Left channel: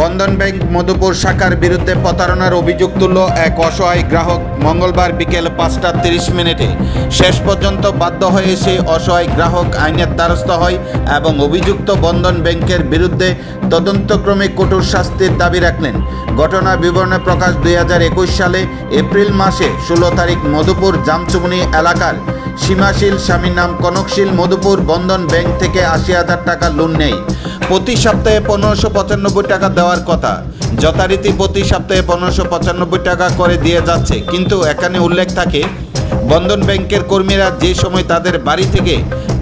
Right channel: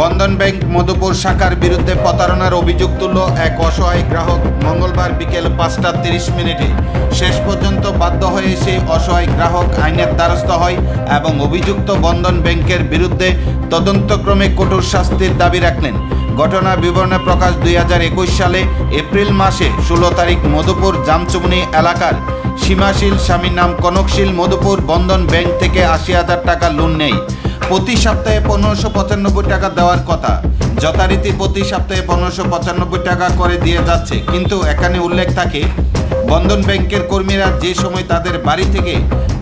বন্ধন bank Madhupur শাখার বিরুদ্ধে প্রতারণার অভিযোগ তুলল এক অসহায় গ্রাহক মঙ্গলবার বিকেল 5:30 শেষ পর্যন্ত বাধ্য হয়ে সেই অসহায় গ্রাহক আইনের দ্বারস্থ হয় এবং অভিযুক্ত বন্ধন ব্যাংকের বিরুদ্ধে তদন্তক্রমে কঠোর শাস্তির দাবি রাখলেন। ঘটনার বিবরণে প্রকাশ 2021 সালে এপ্রিল মাসে 16 তারিখ মধুপুর জামচুমনি এলাকার সীমাশীল স্বামীর নাম কনকশীল মধুপুর বন্ধন ব্যাংক থেকে 80,000 টাকা লোন নেয়। প্রতি সপ্তাহে 1595 টাকা দেওয়ার কথা, যথারীতি প্রতি সপ্তাহে 1595 টাকা করে দিয়ে যাচ্ছে, কিন্তু এখানে উল্লেখ থাকে বন্ধন ব্যাংকের কর্মীরা যে সময় তাদের বাড়ি থেকে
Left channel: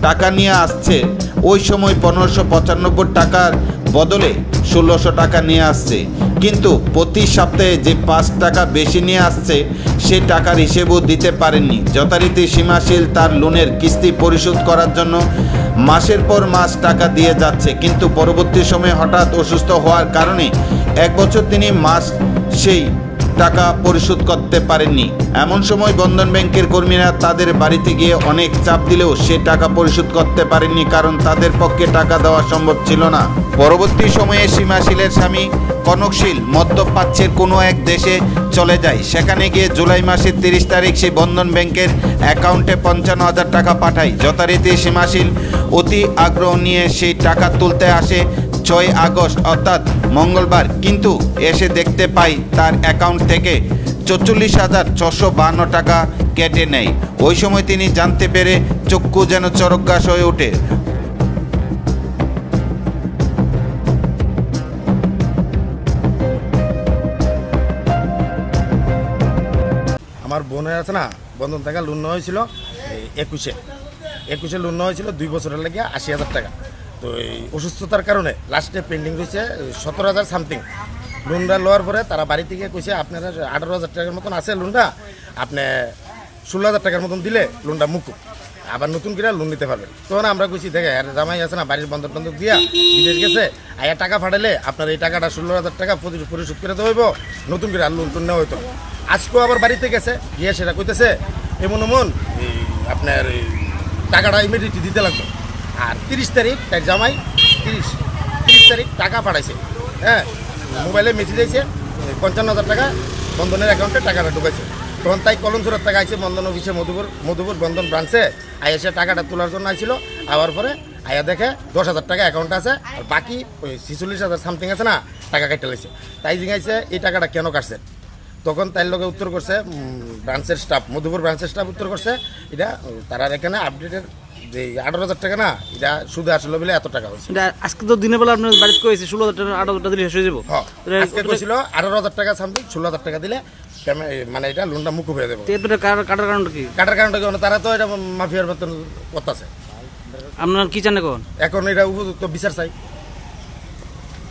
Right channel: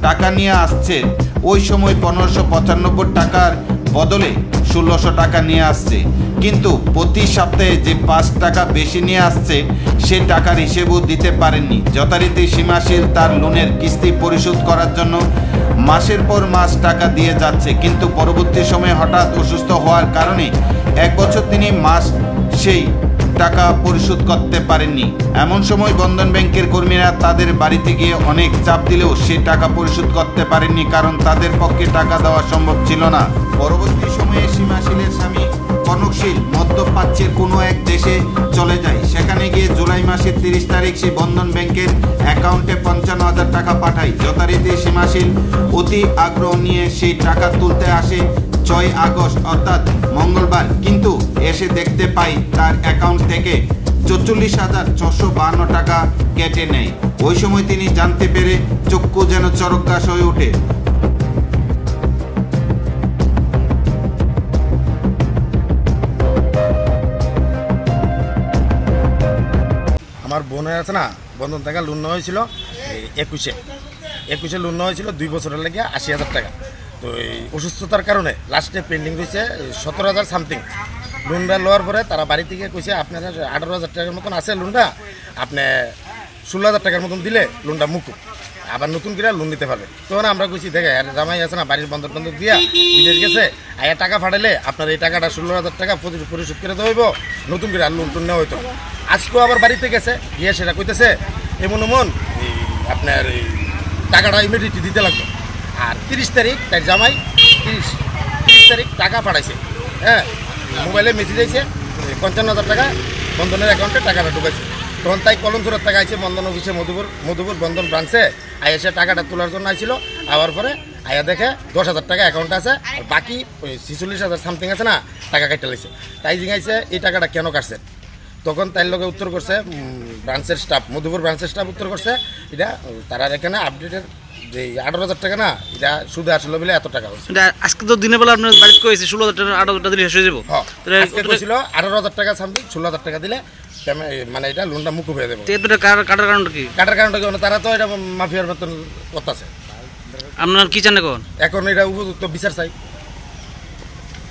টাকা নিয়ে আসছে ওই সময় 1595 টাকার বদলে 1600 টাকা নিয়ে আসছে, কিন্তু প্রতি সপ্তাহে যে 5 টাকা বেশি নিয়ে আসছে সে টাকার হিসেবও দিতে পারেননি। যথারীতি সীমাশীল তার লোনের কিস্তি পরিশোধ করার জন্য মাসের পর মাস টাকা দিয়ে যাচ্ছে, কিন্তু পরবর্তী সময়ে হঠাৎ অসুস্থ হওয়ার কারণে 1 বছর তিনি মাস সেই টাকা পরিশোধ করতে পারেননি। এমন সময় বন্ধন ব্যাংকের কর্মীরা তাদের বাড়িতে গিয়ে অনেক চাপ দিলেও সে টাকা পরিশোধ করতে পারেননি, কারণ তাদের পক্ষে টাকা দেওয়া সম্ভব ছিল না। পরবর্তী সময়ে সীমাশীলের স্বামী কনকশীল মধ্যপ্রাচ্যের কোনো এক দেশে চলে যায়। সেখানে গিয়ে জুলাই মাসের 30 তারিখ সে বন্ধন ব্যাংকের অ্যাকাউন্টে 55,000 টাকা পাঠায়। যথারীতি সীমাশীল অতি আগ্রহ নিয়ে সেই টাকা তুলতে আসে 6 আগস্ট অর্থাৎ মঙ্গলবার, কিন্তু এসে দেখতে পাই তার অ্যাকাউন্ট থেকে 44,652 টাকা কেটে নেয়। ওই সময় তিনি জানতে পেরে চক্ষু যেন চরকগাছ হয়ে ওঠে। আমার বোনের আছে না, বন্ধন থেকে লোন নেওয়া হয়েছিল 21-এ লোন নেওয়া হয়েছিল 2 বছরের লাগে 80,000 টাকা। তো এই অসুস্থতার কারণে লাস্টে পেন্ডিং রয়েছে 17,000 সামথিং। লোনটা লওয়ার পরে তারা বাড়ি থেকে কইছে আপনারা 18,000 টাকার মতন আছে লোনটা, আপনি 16,000 টাকার মতন দিলে লোনটা মুকুব, আবার নতুন করে লোন নিতে পারবেন। তখন আমরা কইছি দেখে আর জামাই আছে না, বাড়ির বন্ধন টন্ধন দিয়া বিদেশ গেছে, আয়া টাকা ফাটাইলে আপনার এই টাকাটা 16,000 টাকা পরিশোধ করে দেওয়া হইব, নতুন করে আর লোন টোন নেওয়া হইতো। আজকেও আবার বাড়িতে গেছে, গিয়ে সেটা কইতেছে এমন আপনার টাকাটা ইমিডিয়েটলি দিতে লাগবে। আর 30 তারিখ তার জামাই 30 তারিখ টাকা পাঠাইছে, হ্যাঁ, মোবাইলে মেসেজ আইছে 55,000 টাকা বন্ধনের অ্যাকাউন্টে টাকাটা ঢুকাইছে। তখন তাই কলমচুরের টাকা আইছে বন্ধন অফিসে মধুপুর বন্ধন ব্রাঞ্চে আয়া সে টাকাটা তোলার জন্য আইছিল। আবার পরে আয়া দেখে 10,000 টাকা অ্যাকাউন্টে আছে, আর বাকি 46,000 সামথিং আছে না টাকা কেটে লাইছে। তাই জিজ্ঞাসা এই টাকাটা কেন কাটছে? তখন তাই লোকে উত্তর করছে ব্রাঞ্চের স্টাফ, মধুপুর ব্রাঞ্চের স্টাফ উত্তর করছে এটা তারা এখানে আপডেটের যে 18,000 টাকা না, এটা সুদে আসলো বলে এত টাকা হয়েছে। আজকে তো দিনের বেলা আপনার বাড়িতে কইছে 16,000 টাকা 18,000 টাকা দিলে শেষ হয়ে যাবো। আজকে কইছিল 18,000 টাকা সামথিং, 16,000 টাকা দিলে মানে এটা লোনটা মুকুব হয়ে যাবে। কাটার কারণটা কি? কাটার কারণটা কি? তারা তো এটা মাফিয়ার মতন করতেছে। আপনার কি চান এখন? এখন এটা উপযুক্ত বিচার চাই।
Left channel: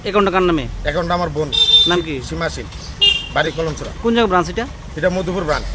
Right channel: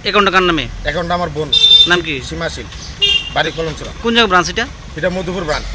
অ্যাকাউন্টটা কার নামে? অ্যাকাউন্টটা আমার বোন। নাম কি? সীমাশীল, বাড়ি কলমছড়া। কোন জায়গা ব্রাঞ্চ এটা? এটা মধুপুর ব্রাঞ্চ।